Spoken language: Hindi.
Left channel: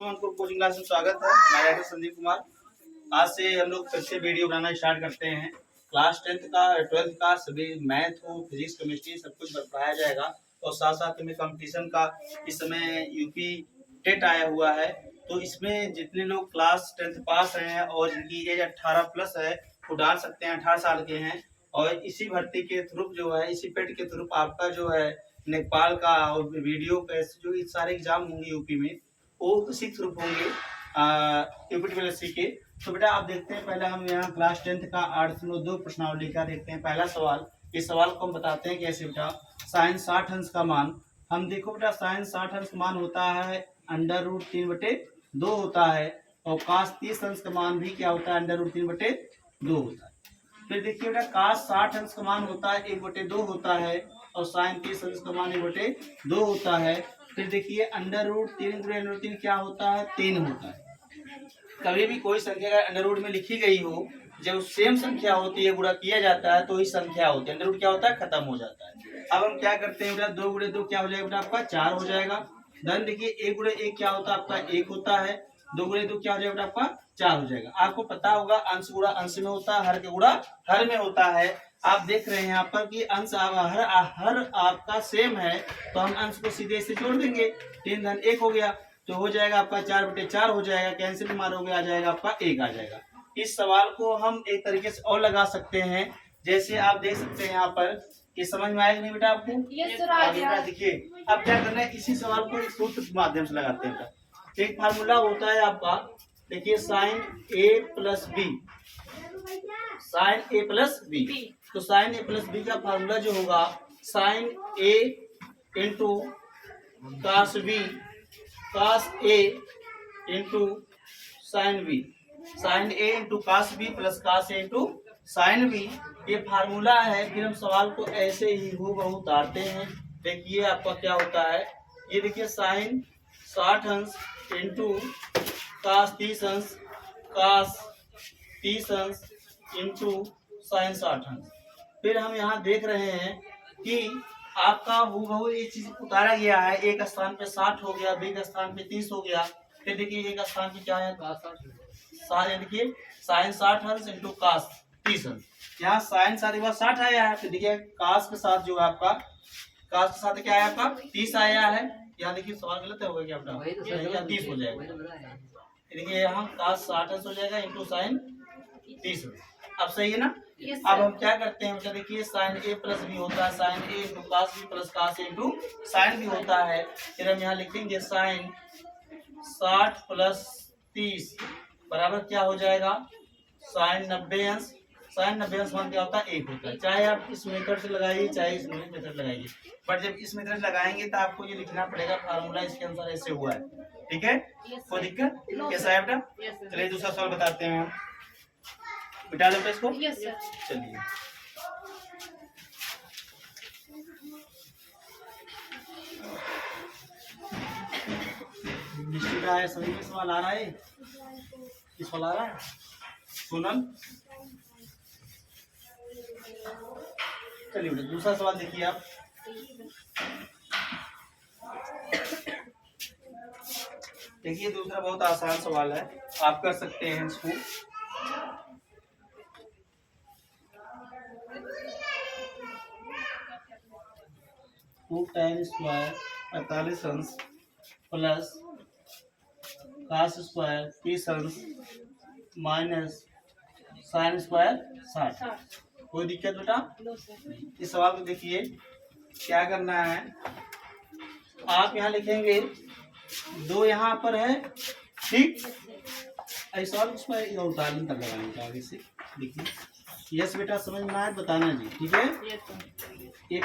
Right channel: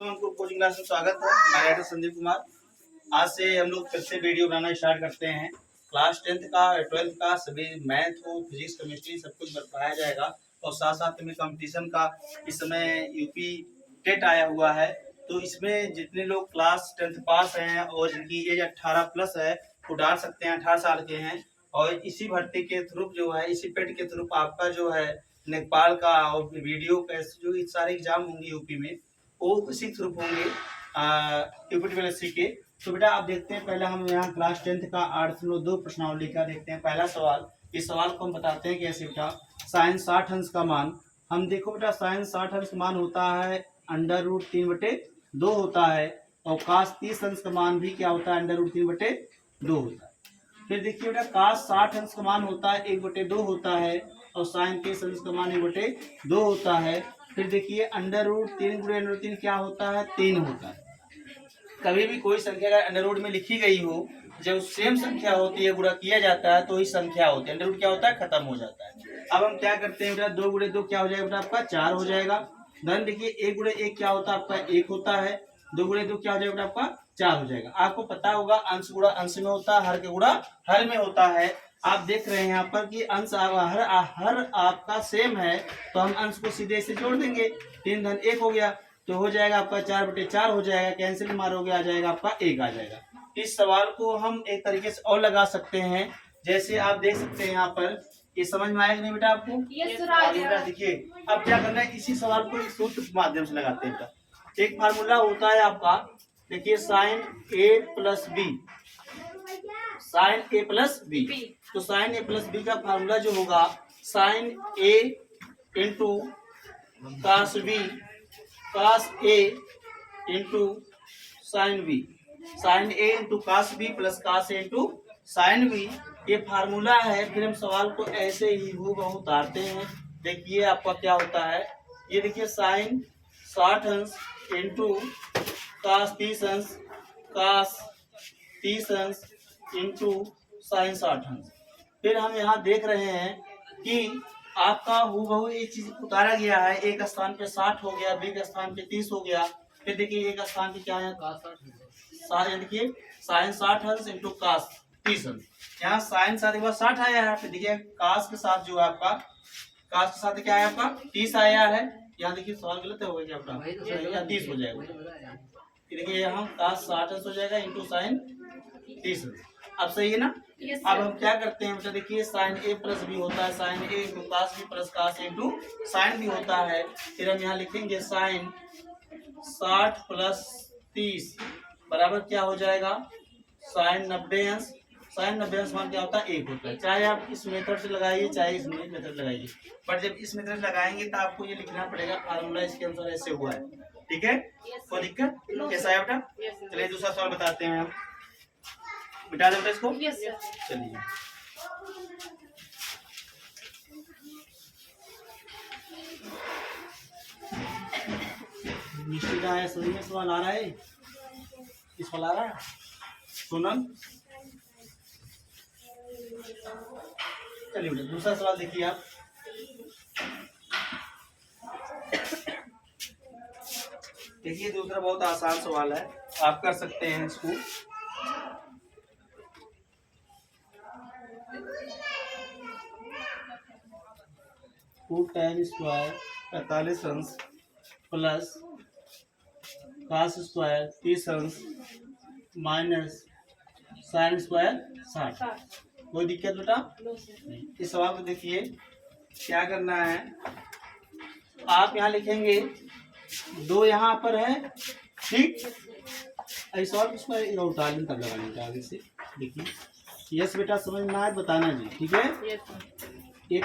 हमको कोचिंग क्लास में स्वागत है। मैं डॉक्टर संदीप कुमार। आज से हम लोग फिर से वीडियो बनाना स्टार्ट करते हैं। क्लास 10th का 12th का सभी मैथ हो, फिजिक्स, केमिस्ट्री सब कुछ बताया जाएगा। और साथ साथ में कंपटीशन का इस समय यूपी टेट आया हुआ है, तो इसमें जितने लोग क्लास 10th पास हैं और जिनकी एज 18 प्लस है वो डाल सकते हैं, 18 साल के हैं। और इसी भर्ती के थ्रू जो है, इसी पेट के थ्रू आपका जो है नेपाल का और वीडियो का जो सारे एग्जाम होंगे यूपी में वो इसी थ्रू होंगे यूपीटीएससी के। तो बेटा आप देखते हैं, पहले हम यहाँ क्लास 10th का 8.2 प्रश्नावली का देखते हैं। पहला सवाल, इस सवाल को हम बताते हैं कैसे बेटा। साइन 60 अंश का मान, हम देखो बेटा साइन 60 अंश का मान होता है √3/2 होता है, और कास 30 अंश का मान भी क्या होता है, √3/2 होता है। फिर देखिए बेटा कास 60 अंश का मान होता है 1/2 होता है, और साइन 30 अंश का मान 1/2 होता है। फिर देखिए √3 क्या होता है, 3 होता है। कभी भी कोई संख्या अगर √ में लिखी गई हो, जब सेम संख्या होती है गुणा किया जाता है तो ही संख्या होती है, √ क्या होता है, खत्म हो जाता है। अब हम क्या करते हैं बेटा, 2 × 2 क्या हो जाएगा बेटा, आपका 4 हो जाएगा। धन देखिए 1 × 1 क्या होता है, आपका 1 होता है। 2 × 2 क्या हो जाएगा बेटा, आपका 4 हो जाएगा। आपको पता होगा अंश गुणा अंश में होता है, हर का गुणा हर में होता है। आप देख रहे हैं यहाँ पर कि अंश हर आपका सेम है, तो हम अंश को सीधे से जोड़ देंगे। 3 धन 1 हो गया, तो हो जाएगा आपका 4/4 हो जाएगा। कैंसिल मारोगे आ जाएगा आपका 1 आ जाएगा। इस सवाल को हम एक तरीके से और लगा सकते हैं, जैसे आप देख सकते हैं यहाँ पर। ये समझ में आएगा नहीं बेटा आपको? बेटा देखिए अब क्या करना है, इसी सवाल को एक सूत्र के माध्यम से लगाते हैं बेटा। एक फार्मूला होता है आपका, देखिए साइन A+B, साइन A+B। तो साइन A+B का फार्मूला जो होगा, sine A into cos B, cos A into sine B, sine A into cos B plus cos A into sine B, ये फार्मूला है। फिर हम सवाल को ऐसे ही हूबहू उतारते हैं। देखिए आपका क्या होता है, ये देखिए साइन 60 अंश इंटू कास 30 अंश, कास 30 अंश इंटू साइन 60 अंश। फिर हम यहाँ देख रहे हैं कि आपका हूबहू ये चीज उतारा गया है। एक स्थान पे 60 हो गया, बी के स्थान पे 30 हो गया। फिर देखिए एक स्थान पे क्या है, देखिए साइन 60 अंश इंटू कास 30 अंश। यहाँ साइन 60 के बाद 60 आया है, फिर देखिए कास के साथ जो है आपका, कास के साथ क्या आया आपका 30 आया है। यहाँ देखिए सवाल गलत हो गया आपका, 30 हो जाएगा। देखिए यहाँ कास 60 अंश हो जाएगा इंटू साइन 30 अंश। अब सही है ना? अब हम क्या करते हैं बेटा, देखिए साइन A+B होता है, sine A into cos B plus cos A into sine B होता है। फिर हम यहाँ लिखेंगे साइन 60 प्लस 30 बराबर क्या हो जाएगा, साइन 90 अंश। साइन 90 अंश मान क्या होता है, 1 होता है। चाहे आप इस मेथड से लगाइए चाहे इस मेथड लगाइए, बट जब इस मेथड लगाएंगे तो आपको ये लिखना पड़ेगा फार्मूला इसके अनुसार ऐसे हुआ है। ठीक है, कोई दिक्कत? कैसा है बेटा? चलिए दूसरा सवाल बताते हैं हम। बिठा दो इसको। चलिए निश्चित है, सभी में सवाल आ रहा है। इस सवाल आ रहा है सोनम। चलिए बेटा दूसरा सवाल देखिए आप। देखिए दूसरा बहुत आसान सवाल है, आप कर सकते हैं इसको। tan स्क्वायर 45 अंश प्लस कास स्क्वायर 30 अंश माइनस साइन स्क्वायर 60। कोई दिक्कत बेटा? इस सवाल को देखिए क्या करना है, आप यहाँ लिखेंगे 2 यहाँ पर है, ठीक। ऐसा उसमें उतारन तक लगाएंगे आगे से। देखिए यस बेटा, समझ में आए बताना जी, ठीक है। एक